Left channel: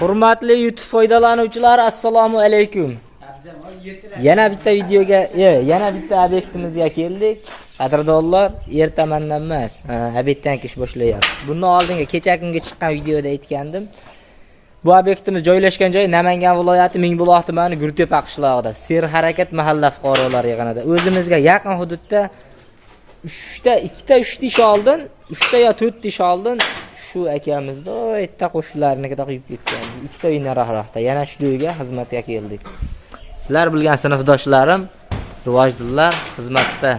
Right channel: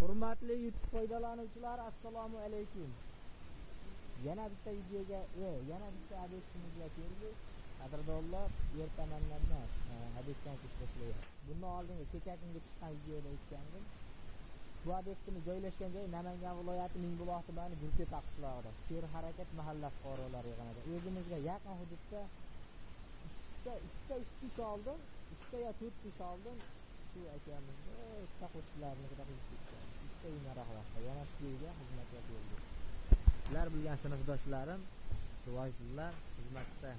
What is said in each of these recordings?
Hurmatli YouTube foydalanuvchilari, assalomu alaykum. Yana bitta videoga, yana bitta obyektimizga keldik. Qadrdonlar, ertamandan emas, obeddan ish boshlayapmiz. Bundan oldingi kecha kunga chiqqan videoda aytgandim. Bu obyektimiz joylashgan joy Namangan viloyati Mingbuloq tumani Gurtepa qishlog'ida, Serharakat mahalla fuqarolar yig'inida. O'zimizga yaqin hududda 2-3 ish oldin, 3 yo 4 ish oldin shu akamizda o'yta qo'shnilarnikida quyib ketgan. 2 uy nariroqda yana shu uyga xizmatga keldik. Sizlar bilgan sinfdoshlarim, rivojdilar xizmatda.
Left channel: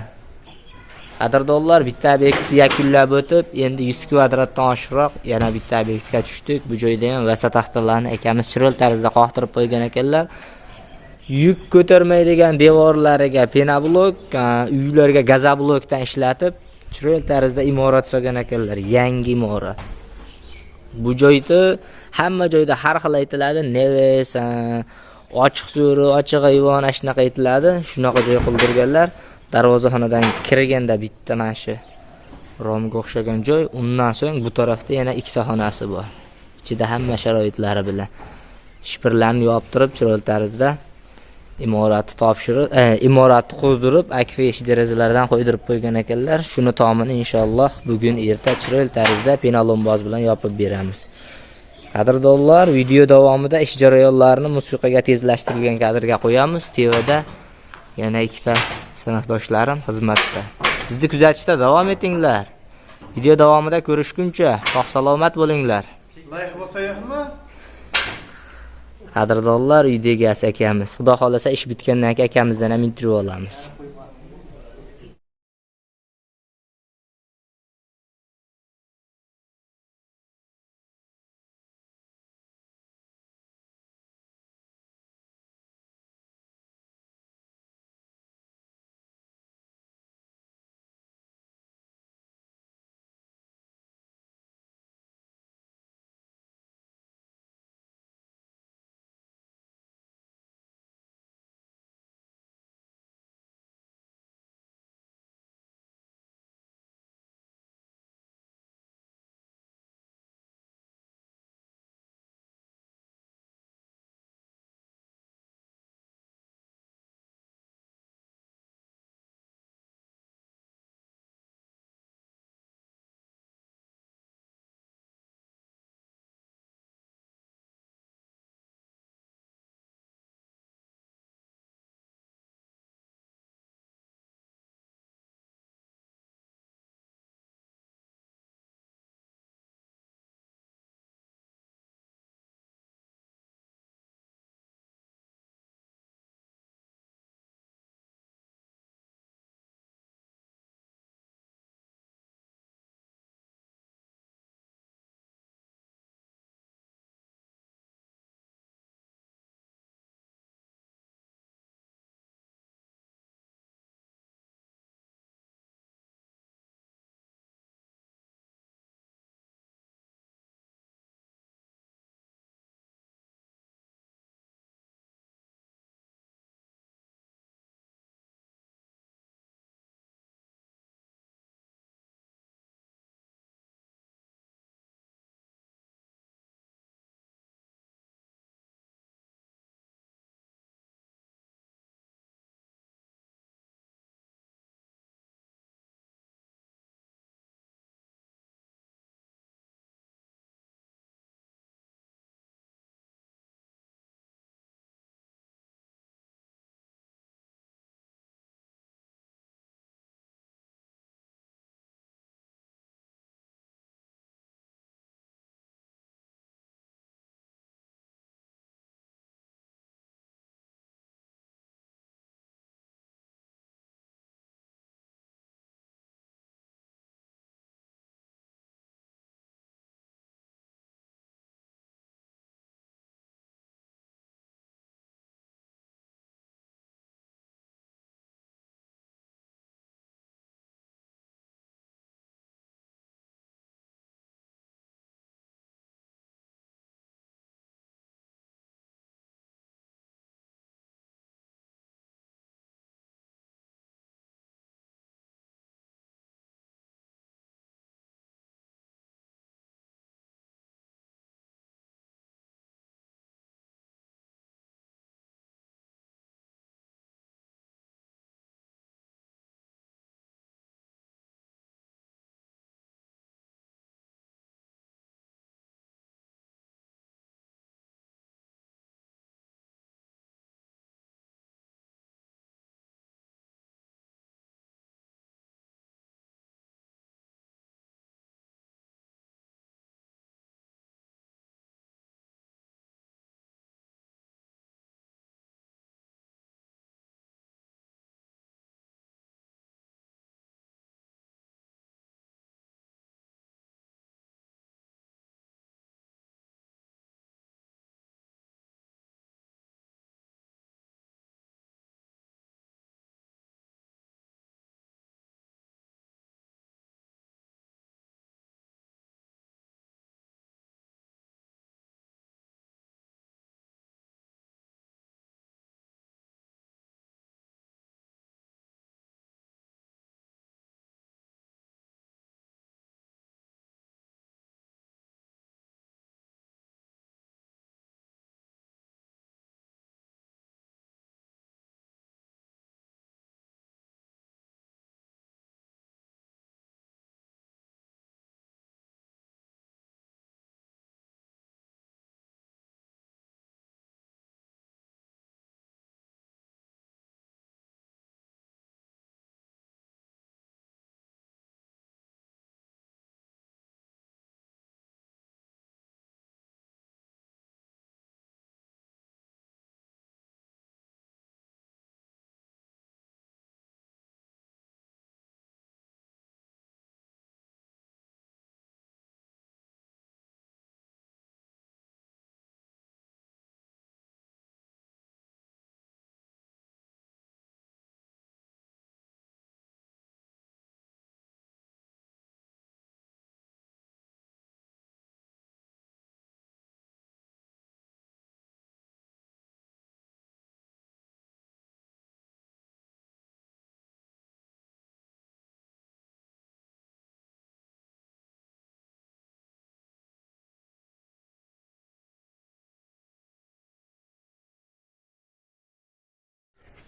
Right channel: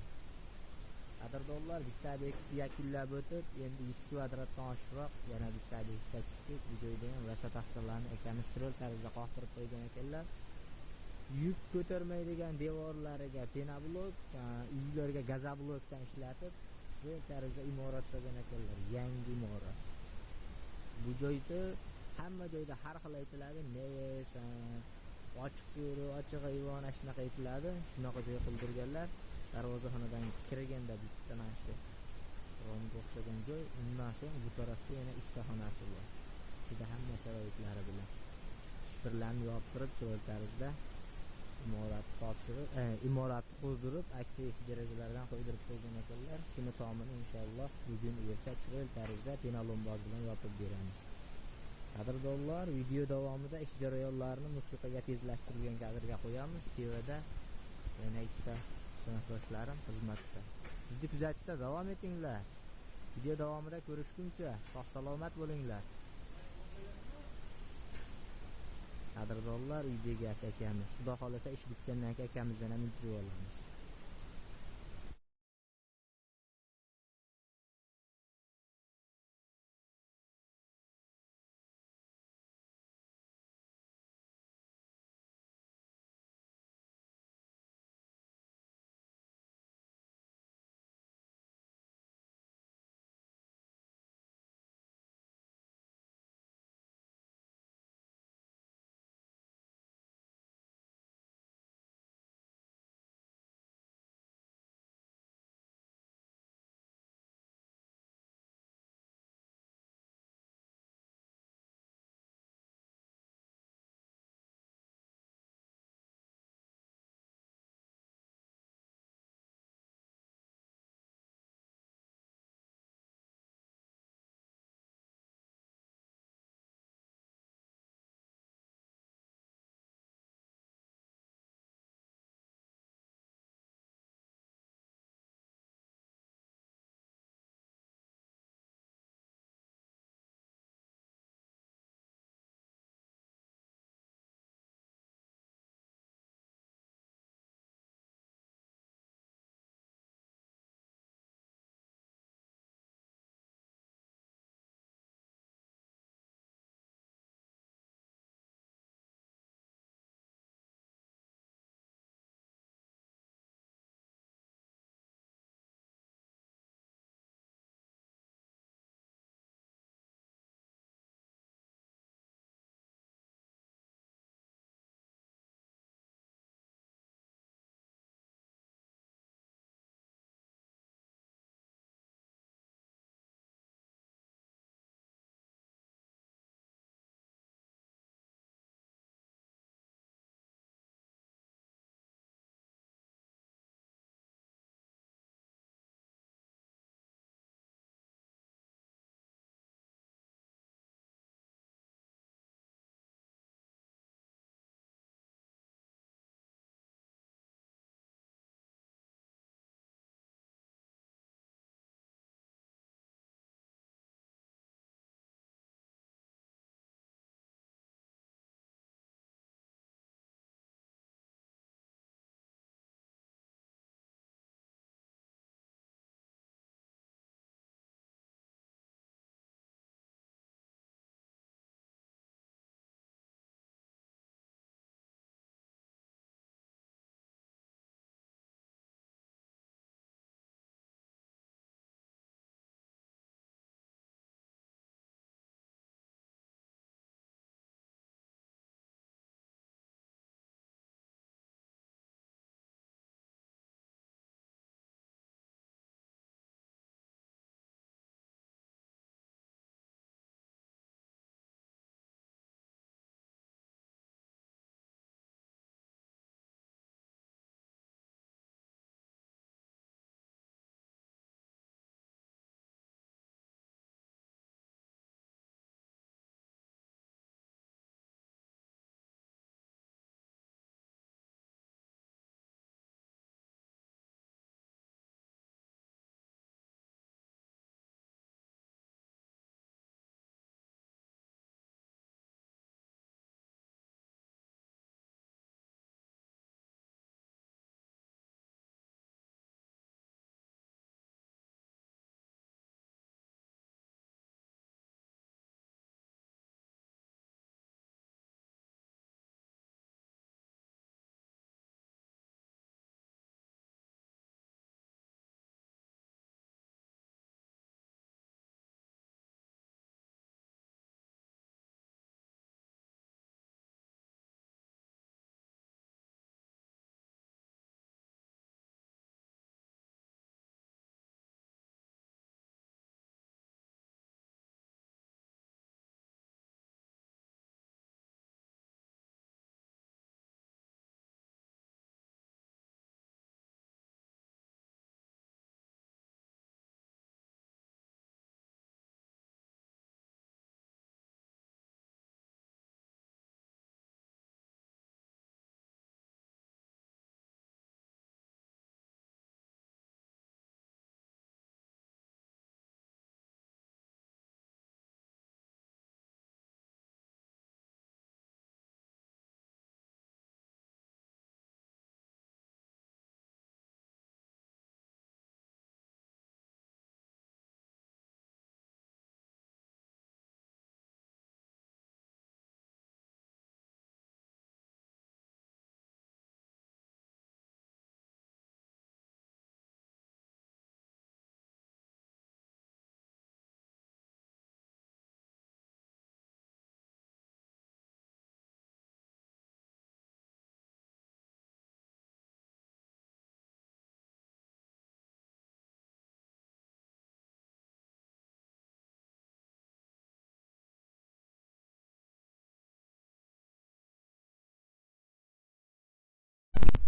Qadrdonlar, bitta obyektni yakunlab o'tib, endi 100 kvadratdan oshiqroq yana bitta obyektga tushdik. Bu joyda ham vasat taxtalarni akamiz chiroyli tarzda qoqtirib qo'ygan ekanlar. Yuk ko'tarmaydigan devorlariga penoblok, uylarga gazoblokdan ishlatib, chiroyli tarzda imorat solgan ekanlar. Yangi imorat. Bu joyda hamma joyda har xil aytiladi, neves, ochiq so'ri, ochiq ayvon shunaqa aytiladi. Shunaqa joy qildirganlar. Darvozaxonadan kirganda bitta mana shu romga o'xshagan joy, undan so'ng bu tarafda yana ikkita xonasi bor. Ichida hamma sharoitlari bilan shipirlarni yoptirib, chiroyli tarzda imoratni topshirib, imoratni qo'ydirib, akfa derazalardan qo'ydirib qo'ygan ekanlar. Shuni tomini inshaalloh bugun erta chiroyli tarzda penalomboz bilan yopib beramiz. Qadrdonlar, video davomida ish jarayonlarini musiqaga tezlashtirilgan kadrga qo'yamiz. TVda yana ikkita sinfdoshlarim xizmatda. Bizni kuzatishda davom etinglar. Video davomida ko'rishguncha sog' salomat bo'linglar. Layih bosayapmi? Qadrdonlar, uydagi akamiz. Xudo xolasa ish bitgandan keyin akamizdan ham intervyu olamiz.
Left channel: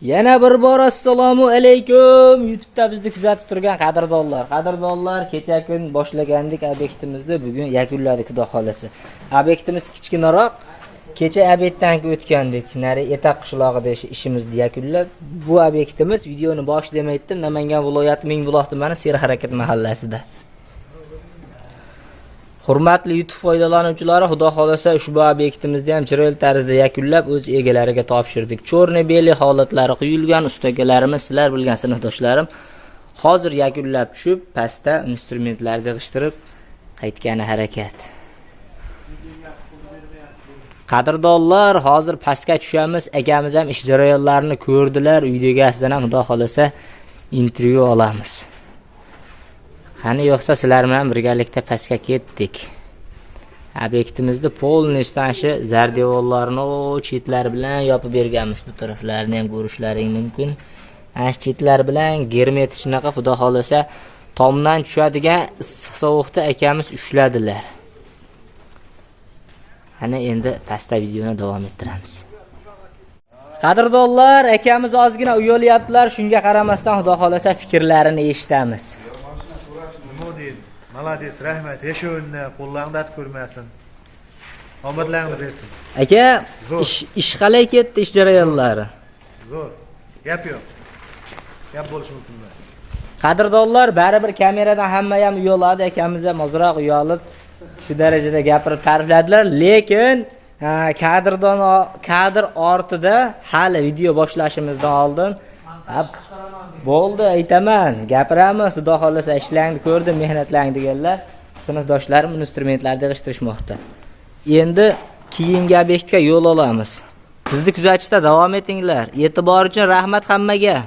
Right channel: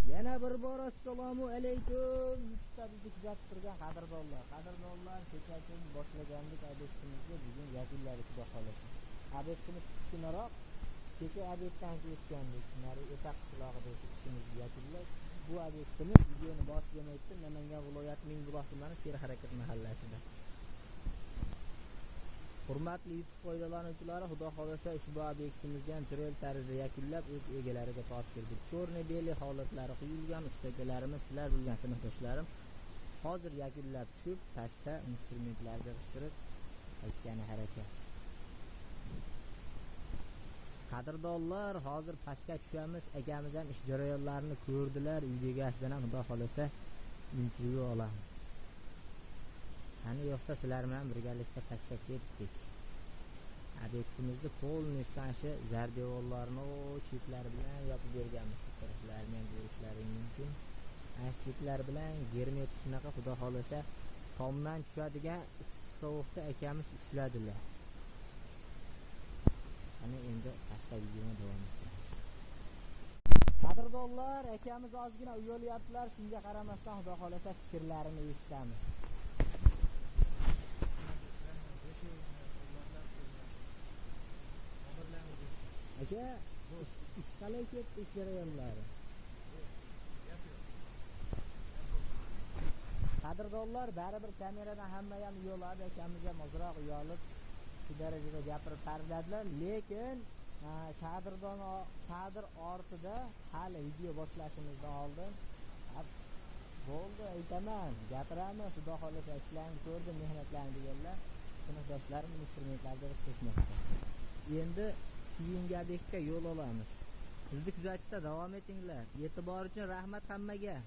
Yana bir bor assalomu alaykum. YouTube'da bizni kuzatib turgan qadrdonlar. Qadrdonlar, kecha kun boshlagandik obyektimizni, bugun yakunladik xudo xolasa. Obyektimiz kichkinaroq. Kecha obyektdan o'tgandik. Nari Etaq qishlog'ida ishimizni yakunlab, bu obyektimiz videoni boshida aytdim, Namangan viloyati Mingbuloq tumani Serharakat mahallasida. Hurmatli YouTube foydalanuvchilari, xudo xolasa ushbu obyektimizni ham chiroyli tarzda yakunlab o'z egalariga topshirdik. Cho'rni-beli holatlari quyilgan ustagalarimiz, sizlar bilgan sinfdoshlarim hozir yakunlab tushib, pastda instrumentlarni yig'ishtirib qaytgani harakat. Qadrdonlar, hozir pastga tushamiz. Akamiz ham ish jarayonlarini ko'rdilar. Uydaga asdan ham xudo xolasa intervyu olamiz. Qani yo'qsa sizlar bilan birgalikda pastga ketdik. Obyektimizni polnistashi zardevorlarni chetlar bilan yopib berganmiz. Bu taraflarini ham ko'rishlaring mumkin. Ash chetlar bilan germetik shunaqa xudo xolasa tomdan tushadigan issiq sovuqda akamiz ushladilar. Ana endi pastda videoni davom ettiramiz. Qadrdonlar, akamiz ozgina uyolyaptilar, shunga qaramasdan xudo xolasa fikrlarini eshitamiz. Malades, rahmat. Yashunni qo'llarni dard ko'rmasin. Omadlaringni bersin. Aka, ish qalay ketdi, ish jarayonlari? Zo'r. Gap yo'q. Gap bo'lishi mumkin emas. Qadrdonlar, baribir kameradan hamma ham uyoladi, akamiz ham ozroq uyolib shu darajada gapirib ta'rifladilar, lekin kadr ortida hali video boshlashimizdan oldin bo'ldi, aytaman, gapiramiz, xudo xolasa ishlaringni ko'rdim, mehnatlaringni deganlar. Sinfdoshlarim instrumentlarni yig'ishtirishmoqda. Endi keyingi obyektga yo'l olamiz. Bizni kuzatishda davom etinglar. E'tibor uchun rahmat hammaga.